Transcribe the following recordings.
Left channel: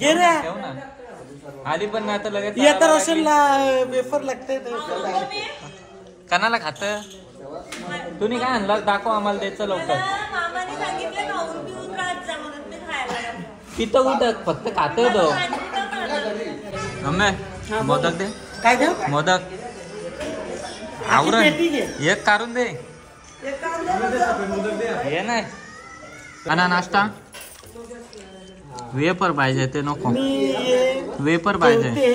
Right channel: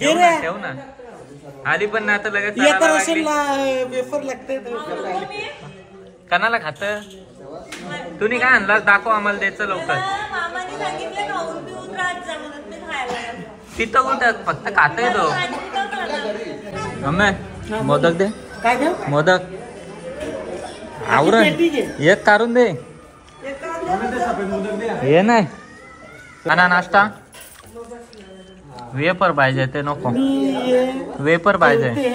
घे रे ठेव ना आधी पण नाही तर लगेच येतात असेल वेफर लागते कणाला खात तुम्ही काय आणला दाखव आम्हाला द्यायचं लवकर तिथं कुठं फक्त खात येतो मम्मी मोदक दे काय द्या मोदक आवरण एक काढून दे हे नाही आणि नाश्ता वेपर पाहिजे ते नको वेपर पाहिजे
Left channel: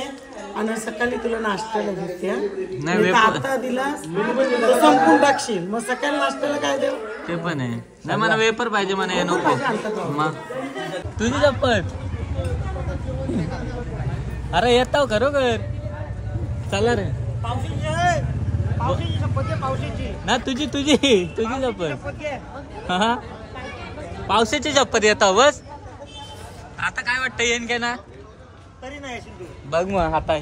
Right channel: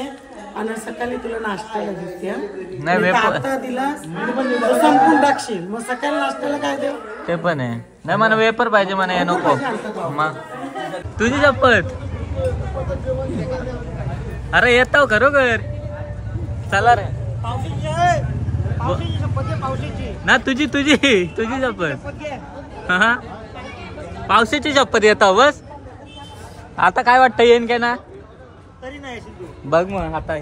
आणि सकाळी तुला नाश्त्याला घेते नाही वेपर आता दिला संपून टाकशील मग सकाळी नाश्त्याला काय देऊ ते पण आहे नाही मला वेपर पाहिजे मला हे नको तुझी चप्पल अरे येतो खरोखर चला रे ना तुझी तुझी तुझी चप्पल हा पावसाची चप्पल येतो बस आता काय वाटतं येईन काय ना तरी नाही बघ मग आता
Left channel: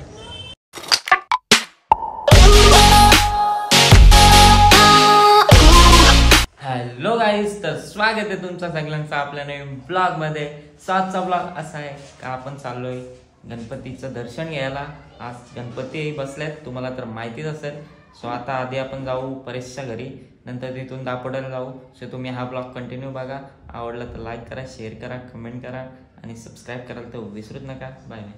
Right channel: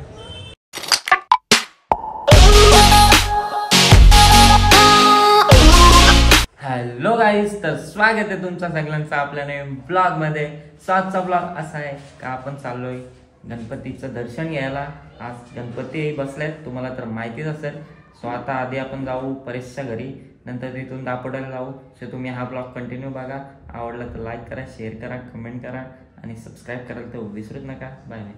हॅलो गाईज तर स्वागत आहे तुमचं सगळ्यांचं आपल्या नवीन ब्लॉग मध्ये. आजचा ब्लॉग असा आहे का आपण चाललोय गणपतीचं दर्शन घ्यायला. आज गणपती बसलेत तुम्हाला तर माहितीच असेल. सो आता आधी आपण जाऊ परेशच्या घरी नंतर तिथून दापोड्याला जाऊ. सो तुम्ही हा ब्लॉग कंटिन्यू बघा. आवडला तर लाईक करा शेअर करा कमेंट करा आणि सबस्क्राईब करायला तर विसरूच नका. Bye bye.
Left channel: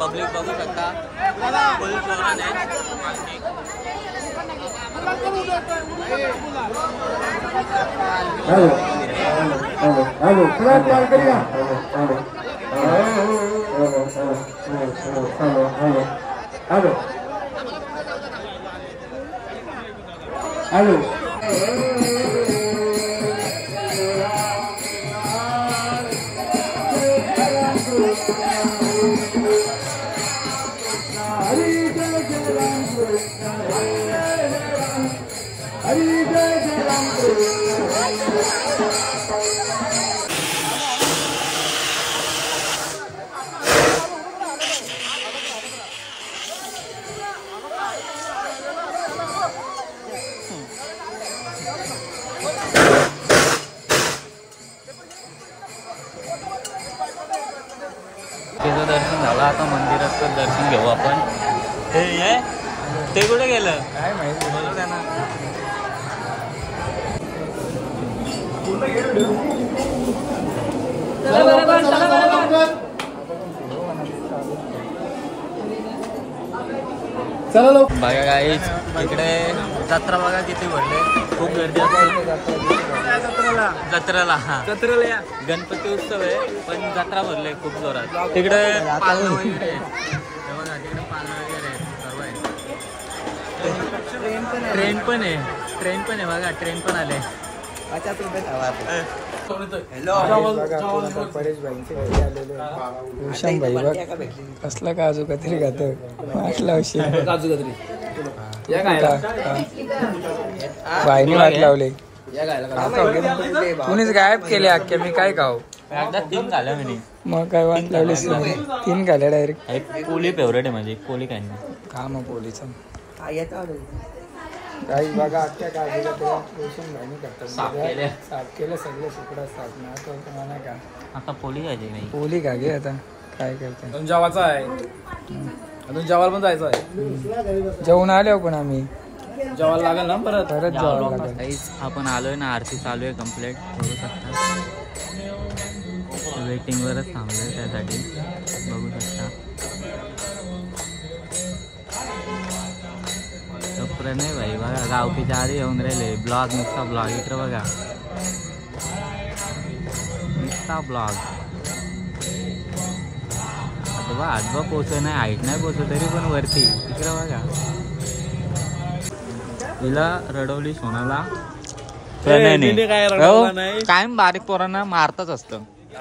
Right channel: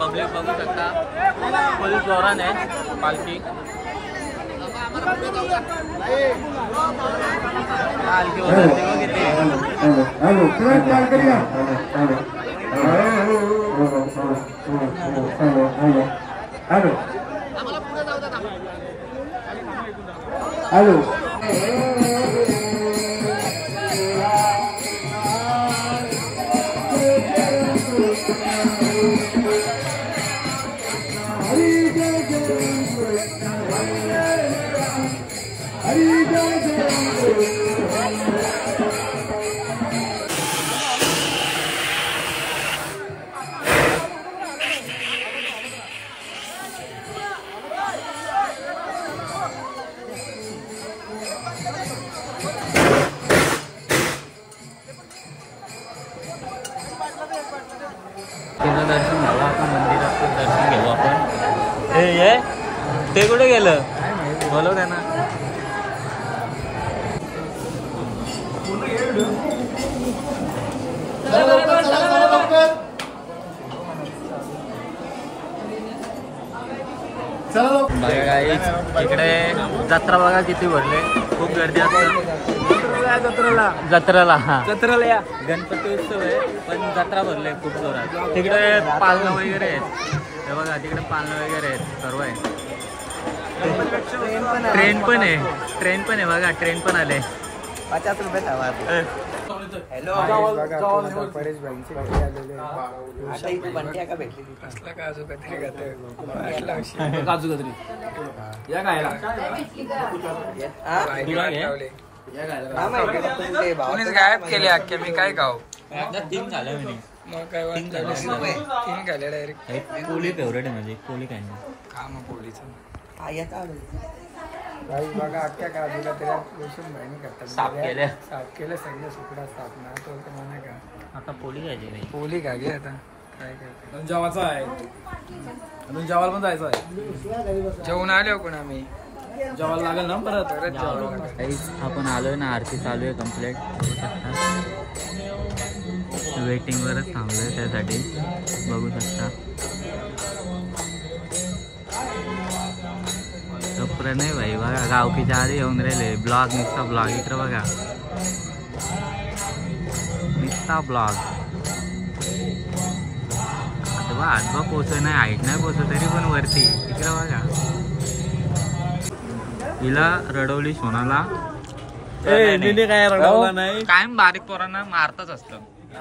पब्लिक बघू शकता फुल जोरान आहे पालखी. हॅलो तिचं दर्शन झालं. आता मंदिरात पण दर्शन घेऊ आपण. हे ते कुठे गेलं बोलव त्यांना. बघा गाईज इकडे जत्रा बघा किती भरले. खूप गर्दी असते जत्रेला. हा जत्रेला गणपती उत्सव आहे पण जत्रा भरले खूप जोरात. तिकडे पालणं वगैरे आहेत हे बघा. तिकडे पालणं वगैरे आहेत सर्व आहे. ट्रेन पण आहे बघा. ट्रेन पण आले. परेश भाईंचे घरी आलेले भूषण भाई बघ कसला काजू कतरी खात काजू कतरी भाईने वाट लावले. कुणीच गायब केले अख्खे. मी काय खाऊ 3 झालं मी मग काय वाट लावले 3 झालं डायरेक्ट. पोली फेवरेट आहे माझी. पोली काय का मग पोलीचं काही बघा अख्ख्या काजू कतऱ्या भूषण भाईने करतात. साफ केलं सगळं सुकडा साफ ना तो म्हणा का आता पोली घ्यायची नाही. पोली का घे आता काय करते. अजून जेवायचा आहे. अजून जेवायला पण जायचं आहे. जेवण आलो पण आम्ही जेवायला लागेल ना परत जेवायला लागेल. आपण आलोय ना. आरती चालू आहे कम्प्लीट. वेटिंग वरच थांबलोय त्यासाठी बघू शकता. नाही भाई बघा गावकीच्या आधी येऊन राहिले. ब्लॉग नुसता ब्लॉग इकडे बघा नुसता ब्लॉग. आता बघा हातबा पोचत नाही हाईट नाही पोचत तरी पण वरती इकडे बघा. हिला रडवली सोनाला. काय रडवला नाही. कायम बारीक पोरांना मारतच असतं.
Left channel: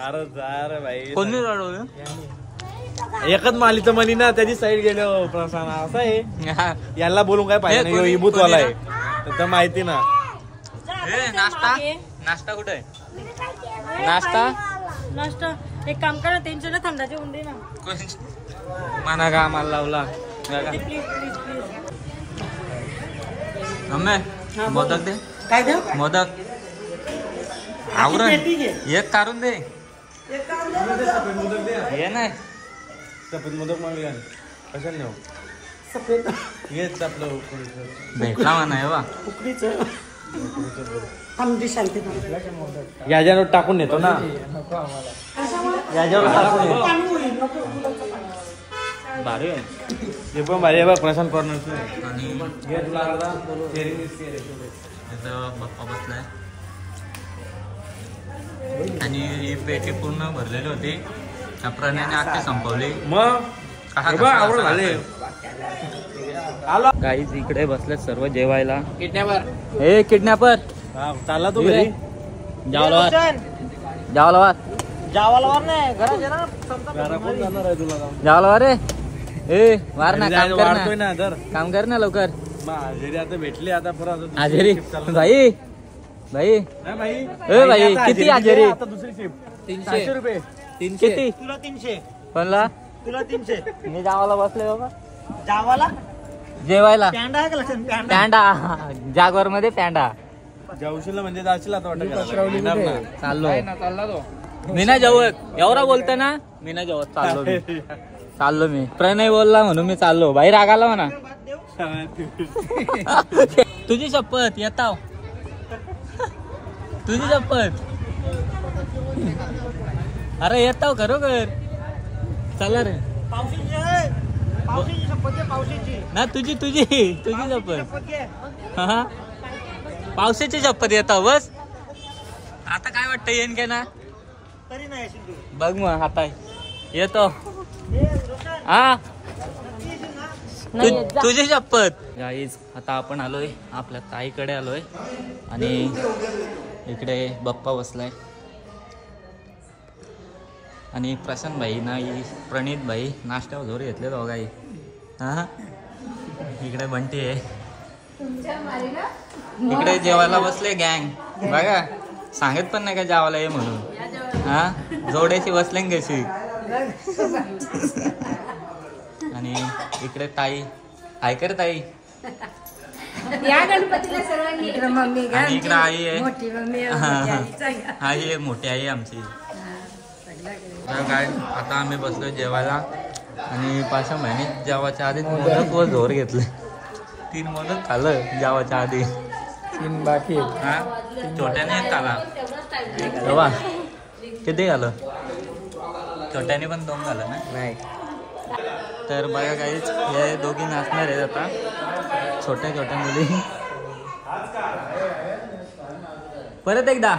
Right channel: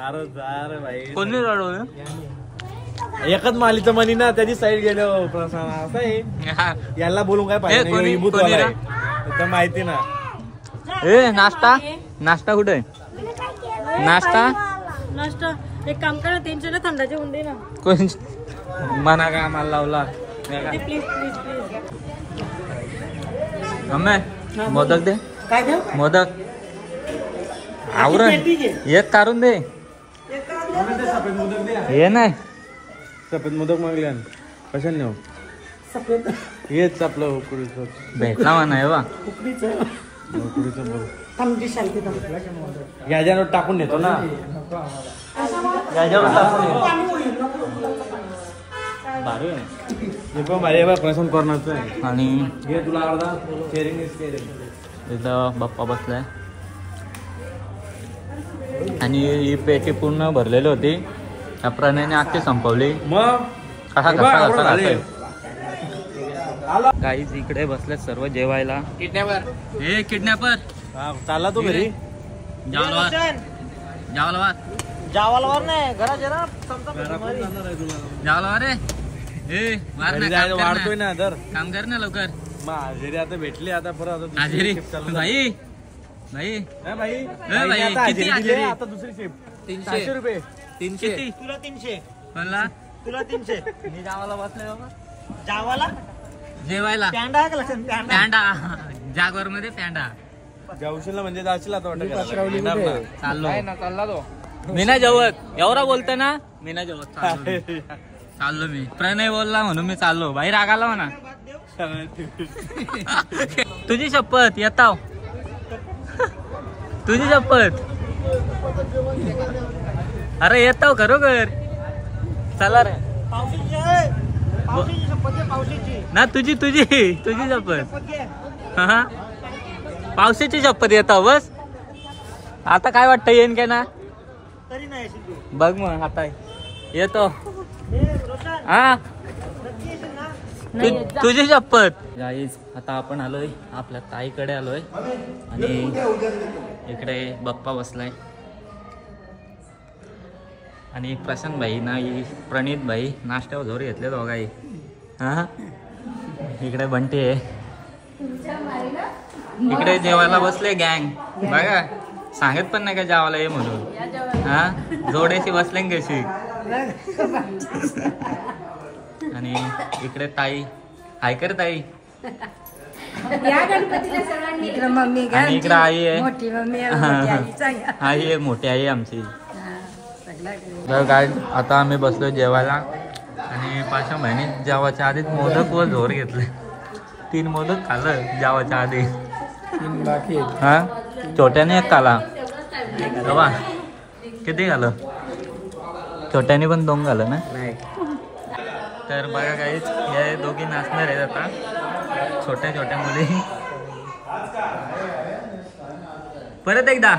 अरे जा रे भाई. कोणी रडवलं एकच माली तर म्हणी ना त्याची साईड गेलो प्रसाद असं आहे याला बोलून काय पाहिजे नाही, इबूत वाला आहे. तर माहिती ना. ए नाश्ता नाश्ता कुठे नाश्ता एक काम करा त्यांच्या ना थंडाचे उंडे ना कोण मना का आम्हाला लावला please please please mummy modak दे काय देऊ मोदक आवरण एक काढून दे हे नाही सफेद मोदक मागूया कशाने नेऊ सफेद हेच आपलं भेटला म्हणा वा उकडीचं आमची शांती याच्यावर टाकून नेतो ना. भारी आहे. हे पण भारी आहे प्रशांत कॉर्नरचं आहे. आणि हे तुला अर्धा शेअरिंग इथं बाप्पा बसलाय आणि ही पेटी पूर्ण भरलेली होती. त्या प्रणयने आखी संपवली. मग गाईज इकडे बसले सर्व जेवायला. हे किडनॅपर चालला तो घरी जावला जावाला नाही घरा जावला रे ए वार ना काम कर वाढतोय ना. ना दर काम कर ना लवकर. हाजेरी आता भेटली आता परत हाजेरी भाई भाई भाई ए भाई किती हाजेरी आता दुसरी शिफ्ट 300 रुपये 300 किती तुला 300 कोणला तुला 300 मी जावाला बसले बाबा जावाला जेवायला पॅन्डा आहे का लक्षात पॅन्डा जागवर मध्ये पॅन्डा जाऊशील म्हणजे जाशील आता वाटत चाललो मी ना जेवत एवढा बोलतो ना मी ना जेवत चाललो मी प्रणय बोलला म्हणून मी चाललो बाहेर रागाला म्हणा तुझी शपथ येताव तुझी शपथ अरे येताव खरोखर चला रे ना तुझी तुझी तुझी शपथ हा पावसाची शपथ येताव बस आता काय वाटतं येईन काय ना तरी नाही बघ मग आता येतो हा तुझी शपथ गाईज आता आपण आलोय आपल्या ताईकडे आलोय आणि इकडे बाप्पा बसलाय आणि प्रशांत भाई ना प्रणित भाई नाश्त्यावर जोर घेतले दोघाही हा इकडे बंटी आहे इकडे जेवायला बसले गँग बघा सांगत पण नाही का जेवायला ये म्हणून हा जोड्याची बसले कशी आणि इकडे ताई हाय कर ताई या गणपतीला सर्वांनी इकडे मम्मी आणि इकडे आई आहे मोठी मम्मी आई आहे मोठी आई आमची. तर काय आता आम्ही बसलो जेवायला आणि 5 महिने जेवायच्या आधीच मोदक व झोर घेतले 3 मोदक खाल्लं जेवायच्या आधी 3 बाकी हा छोट्याने एक खाला तेव्हा किती घालं छोट्याने पण 2 घालं ना नाही तर बघा काहीच हे दोघी नाचणार आहेत आता छोट्या छोट्या मुली परत एकदा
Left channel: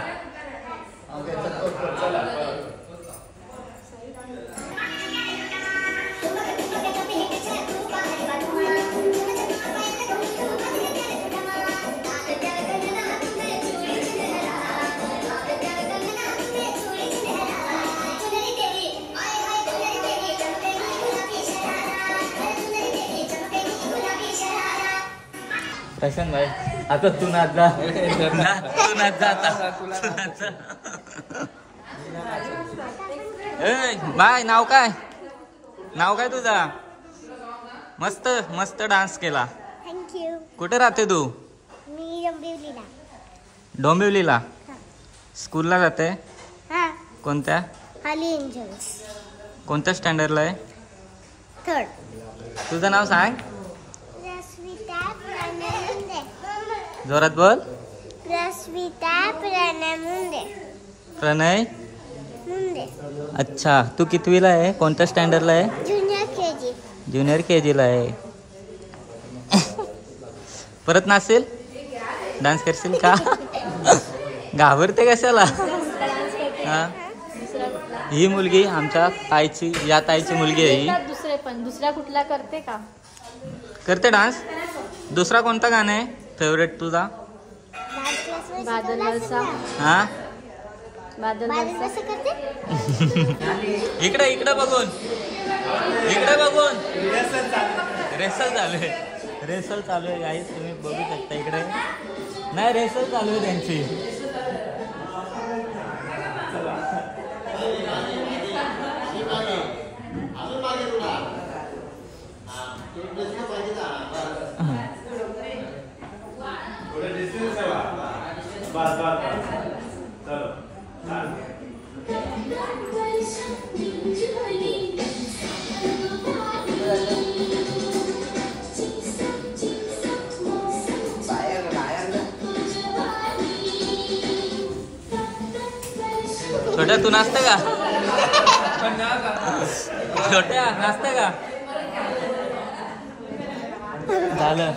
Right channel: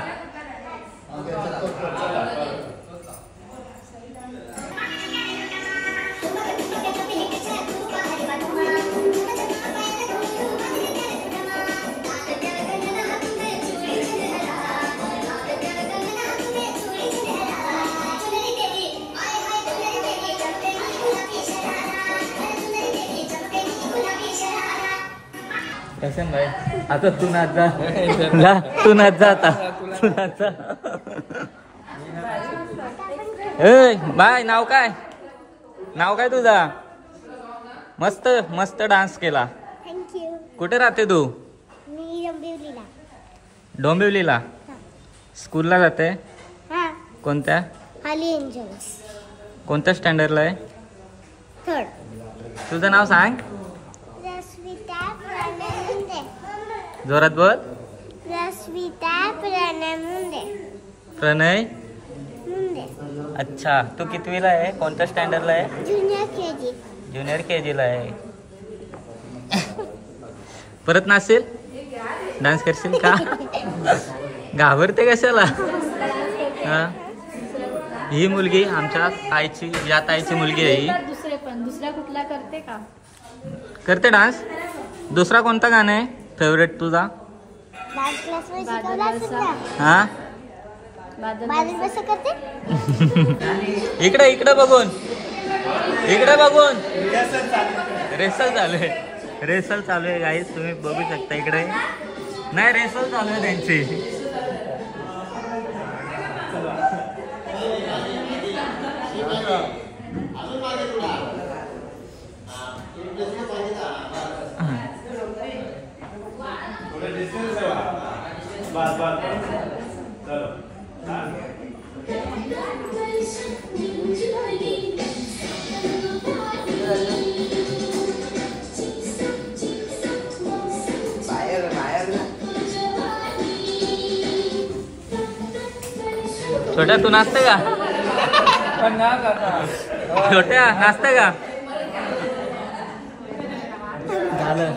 प्रशांत भाई आता तू नाच जा तू नाच जा आता तू नाच जा ए बाय नाव काय तुझा मस्त मस्त डान्स केला थँक्यू कुठे राहते तू मी डोंबिवलीला डोंबिवलीला स्कूलला जाते हा कोणत्या हाली एंजल्स कोणत्या स्टँडर्डला आहे 3rd तुझं नाव सांग रश्मिता प्रणमुंदे जोरात बोल रश्मिता प्रणमुंदे प्रणय मुंदे अच्छा तू कितवीला आहे कोणत्या स्टँडर्डला आहे ज्युनियर केजी ज्युनियर KG ला आहे परत नाचेल डान्स करशील का घाबरते कशाला हा ही मुलगी आमच्या ताईची या ताईची मुलगी आहे ही दुसऱ्या कुठला करते का करते डान्स दुसरा कोणता गाणं आहे फेवरेट तुझा हा कसं करते इकडे बघून इकडे बघून रेसल चालू आहे गाईस, तुम्ही बघू शकता इकडे. नाही रेसल चालू आहे त्यांची. छोट्या तू नाचते का? छोट्या नाचते का? झालं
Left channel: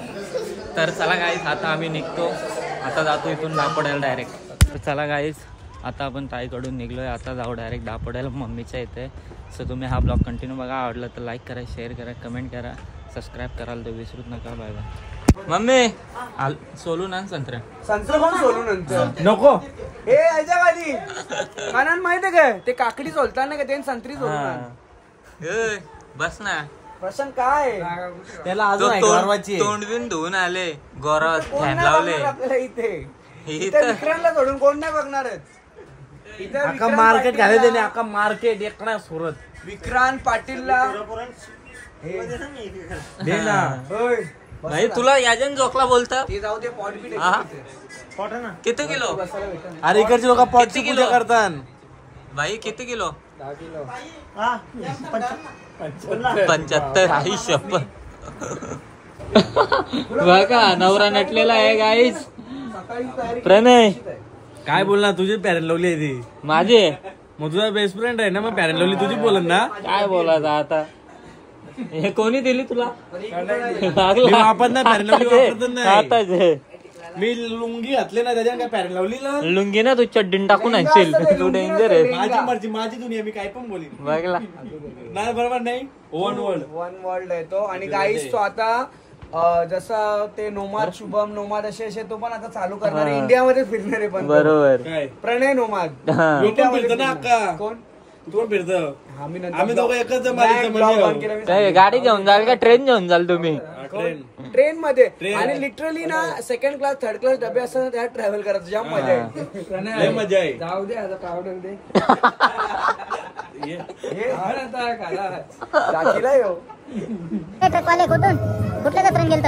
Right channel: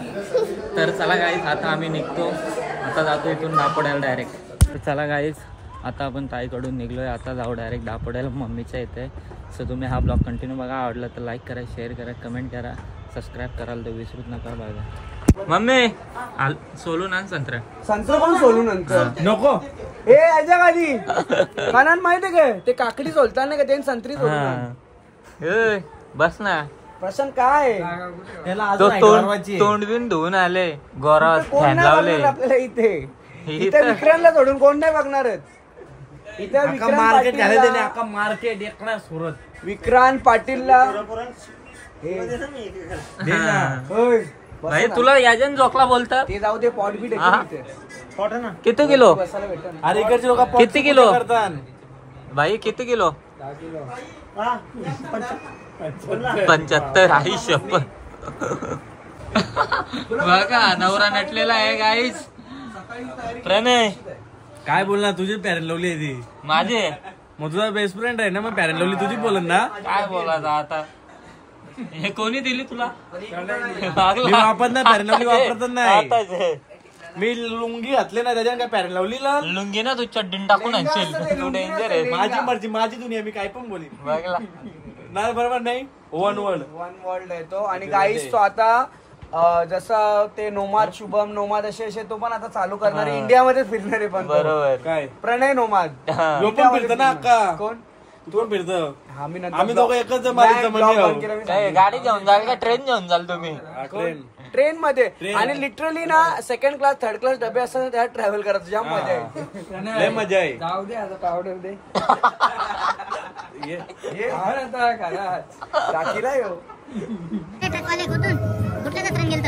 तर चला गाईस, आता आम्ही निघतो. आता जातो इथून दापोड्याला डायरेक्ट. तर चला गाईस, आता आपण ताईकडून निघलोय. आता जाऊ डायरेक्ट दापोड्याला मम्मीच्या इथे. सो तुम्ही हा ब्लॉग कंटिन्यू बघा. आवडलं तर लाईक करा, शेअर करा, कमेंट करा, सबस्क्राईब करायला तर विसरूच नका. Bye bye. मम्मी सोलून आण संत्रा. नको हे याच्या खाली कानान माहितीये का ते काकडी सोलतात ना का ते संत्री सोलून आण. बस ना प्रश्न काय तो तोंड बिन धुवून आले, गोरा फॅन लावले आपल्याला इथे इथं विक्रांतला सोडून कोण नाही बघणार आहेत. इथे अख्खा मार्केट घाले त्याने, अख्खा मार्केट एकला सुरत. विक्रांत पाटीलला भाई तुला याजन जोकला बोलतात. ते जाऊ दे पॉलिटिक्स ना. किती किलो? अरे इकडचे लोक किती किलो करतात भाई? किती किलो? 75. आई शपथ. बघा नवरा नटलेला आहे गाईज. प्रणय काय बोलणार? तुझी पॅरेंट लावली आहे ती माझे. मग तुझा बेस्ट फ्रेंड आहे ना, मग पॅरेंट लावली तुझी बोलन ना. काय बोलायचं आता? हे कोणी दिली तुला? मी वापरत नाही पॅरेंट लावली, वापरतच नाही. मी लुंगी घातले ना त्याच्या काय पॅरेंट लावली ना. लुंगी ना तू चड्डीन टाकून आणशील. माझी मर्जी, माझी दुनिया, मी काय पण बोलीन. नाही बरोबर नाही. वन वर्ल्ड आहे तो. आणि गाईस तो आता जसा ते नोमाद, शुभम नोमाद असे तो पण आता चालू करणार आहे. इंडियामध्ये फिरणारे पण बरोबर. काय प्रणय नोमाद फिरतो ना अक्का. कोण तू पण फिरतो? आम्ही दोघं एकच गाडी घेऊन जाल का ट्रेन घेऊन जाल तुम्ही? ट्रेन मध्ये. आणि लिटरली ना सेकंड क्लास थर्ड क्लास डबे असतात त्यात ट्रॅव्हल करायचं जाम मजा आहे. मजा आहे. जाऊ दे आता पावडर दे. ट्रकवाले कुठून कुठल्या जत्रेन गेलत?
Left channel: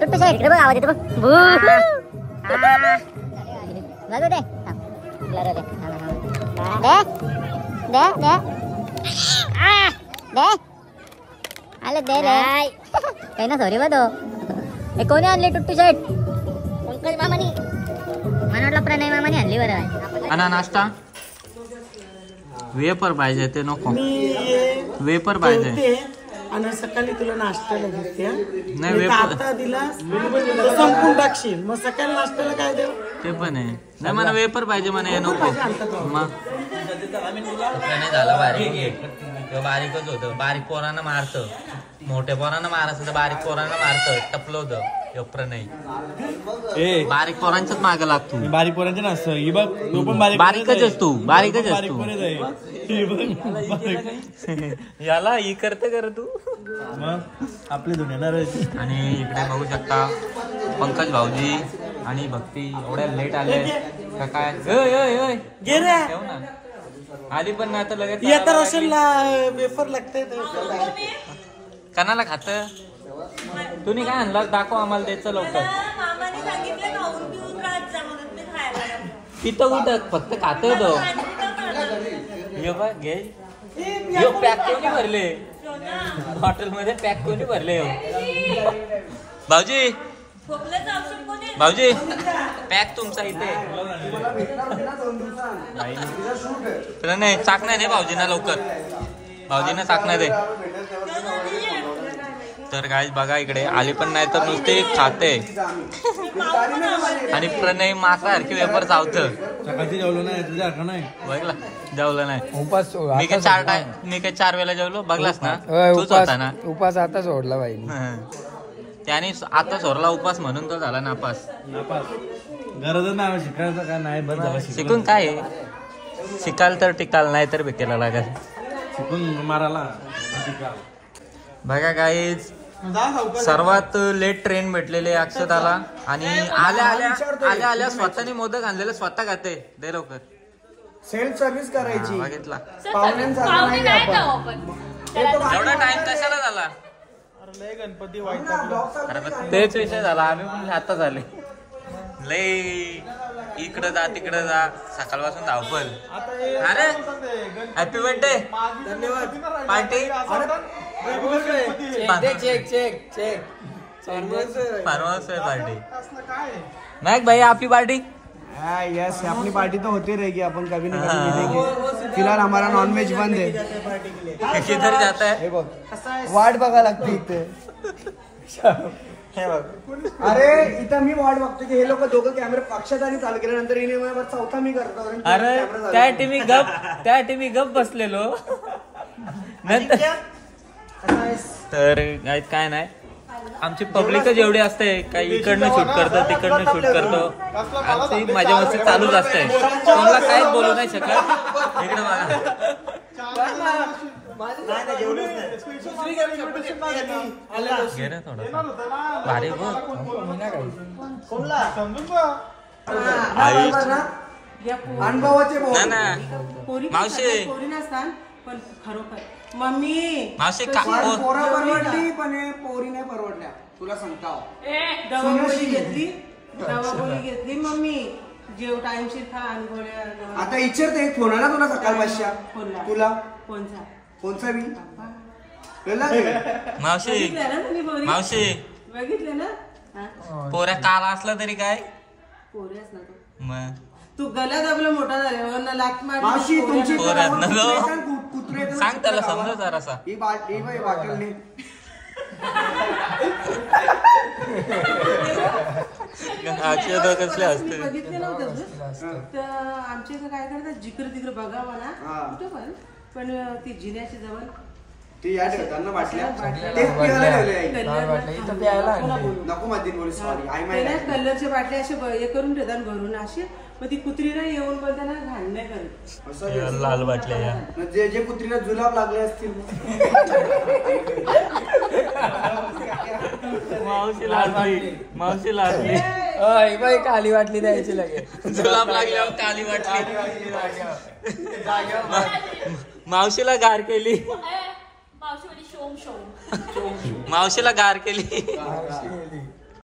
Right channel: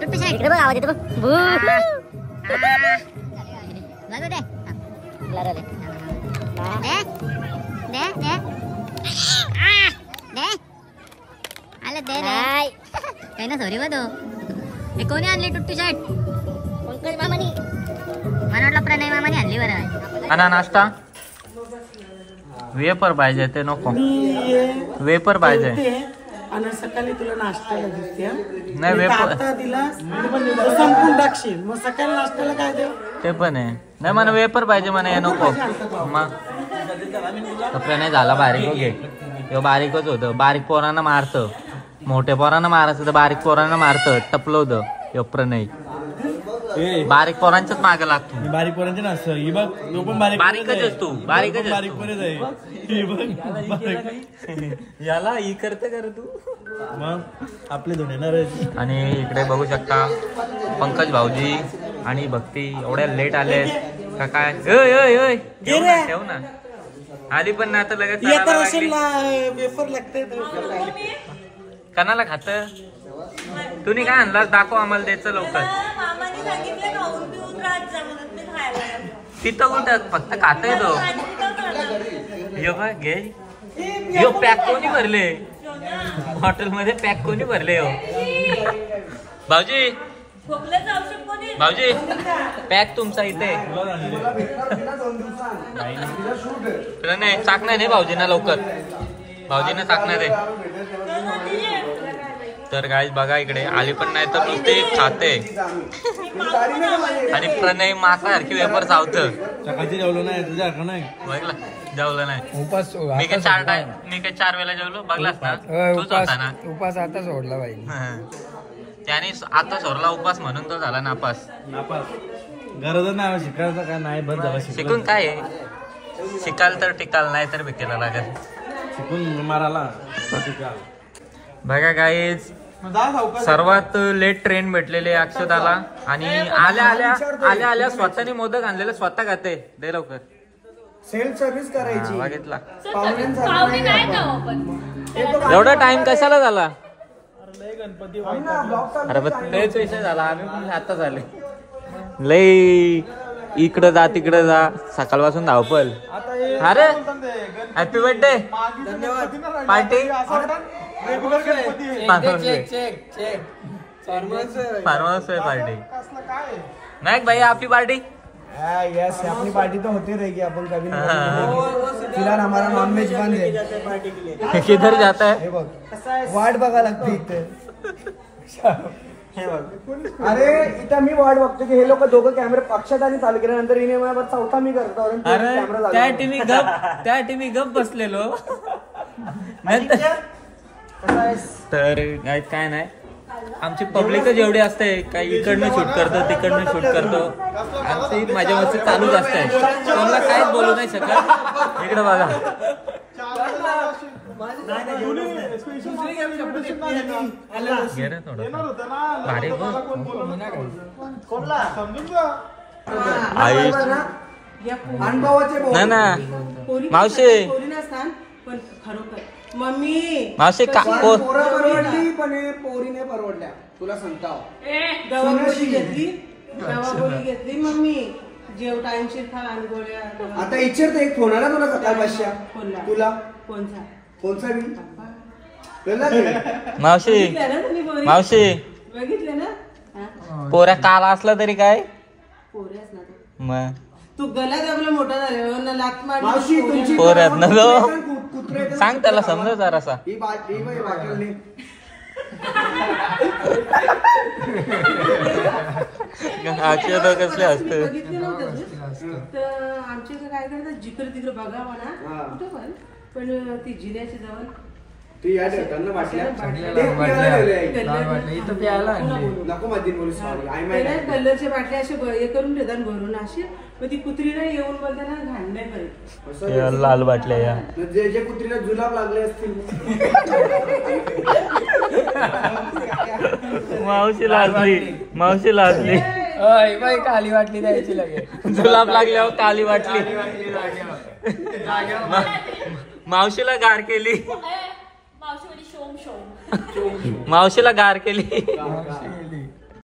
टुट्टू साईड इकडे बघ, आवाज येतो बघ. दे दे दे आले दे रे. काही ना सॉरी बघ. हे कोणी आणले टुट्टू शर्ट? पंकज मामानी. मला वाटलं प्रणय मामानी आणली. बरं आणि नाश्ता वेपर पाहिजे ते नको. वेपर पाहिजे. आणि सकाळी तुला नाश्त्याला घेते. नाही वेपर आता दिलास तर संपून टाकशील, मग सकाळी नाश्त्याला काय देऊ? ते पण आहे. नाही मला वेपर पाहिजे म्हणा. हे नको. मग नाही झाला बारीक. बारीकच होतं. बारीक पोरांना मारतं, मोठ्या पोरांना मारायचं तर बारीक पोरांना मारतं. टपलं होतं प्रणय. बारीक पोरांच्याच मागे लागतो. बारीक पोरांचे ना ही बघ. तो पण बारीकच तू. बारीकच बारीक पोरच आहे. याला ही करत तू. मग आपले धुणे येणार. आणि इकडे बघू शकता पंकज भाऊजी आणि भक्ती एवढ्या लेट आले का काय? ठेव ना. आधी पण ना आता लगेच वेफर लागते. कणाला खात? तुम्ही काय आणला? दाखव आम्हाला. द्यायचं लवकर. तिथं उठत फक्त खात येतो. घे. यो पॅक कोणी भरले? हॉटेल मध्ये पॅक कोणी भरले? भाऊजी भाऊजी पॅक तुमचा इथे. नाही चाकणार नाही भाऊजींना लवकर. भाऊजींना चाकणार आहे. तर गाईज बघा इकडे आली पण नाही तर नुसते खाते. आणि प्रणय मासासारखी वेपर चावतं. सकाळची जेवलो नाही तुझ्या नाही बघला जेवलं नाही. उपास मी काय 4 वेळा जेवलो. बघलास ना तूच होता ना. उपास आता सोडला बाई. त्याने आता सोडला उपास म्हणून तो झाला नापास. गरजच नाही शिकायचं. काय नाही बस झाला. शिकून काय शिकाल तर टिकाल, नाही तर भेटायला लागेल. चिकून मारायला बघा गाईज सर्वात लेट ट्रेन भेटलेले अक्षताला आणि आल्या आल्या स्वतःने मोदक आणलेले स्वतः खाते दे लवकर सेल्फ सर्व्हिस करायची बघितला पाहुणे नाही का आपण एवढा टाइम कशाला झाला लय गणपती वाईट अरे पण तेच विषय झाला आम्ही पण आता झाले लय इकडं जा तिकडं जा सकाळपासून धावपल अरे हॅपी बर्थडे धन्यवाद पार्टी फार्मर्स पार्टी नाही भाई आपली पार्टी यस अपनी पार्टी तो होती रहेगी अपन कभी ना कभी मिलेंगे फिलहाल हमारा नॉनव्हेज बंद है किधर जाता है हे बघ वाट बघा लागते इथे अरे इथं मी वाट बघतो की हे लोक दोघं कॅमेरा पक्षात आणि चालू केल्यानंतर हिने मला चौथा मी करतो अरे त्या टीमी गप बसलेलो नंतर तर काय नाही आमची पब्लिकच एवढी असते काही इकडनं शूट करतो तिकडनं शूट करतो आमची माझ्या मस्ती चालूच असते कोणाला काहीच बोलू नाही शकत इकडे बघा घे रे थोडं भारी आई अनुभवाचे ना मावशी पण खरोखर मम्मी मावशी पोरं परवडली पण हे पोरी नाही परवडल्या तुला सांगता दवागोळी घेतली मम्मी जेव टाइमशीर खा आणि गोळ्या आता इच्छित एक फोन आला तुला सकाळ भाषा तुला कोणचा कोणचा मी मावशी बघितले ना पोऱ्या काला असला तरी काय पोरे असला तो मग तू गला दाबला मोठा झाले लात मावशी तुमची पोऱ्यात ना कुत्रे सांग त्याला समजा जरासा ही बाटली कसले असते बघितले नव्हतं तर आमच्या इथं काय करतात जिकडे तिकडे बघा म्हणा कुठं पण ती जिन्याची जवळ ती या ठेवताना बाटल्या ते पियाला ठेवले नको माझी बोल कलरच्या बाटल्या असे हे करून ठेवतात भरून असे मग ती कुत्रीला येऊन बोलताना घाण नाही करीत लाल बाटल्या या जे कुत्रीला जुलाब लागले असतील मावशी लाजली काली वाटली द्यायची लगेच जुलाब लागल्यावर काली वाटली मावशीला गार केली मावशीला गार केली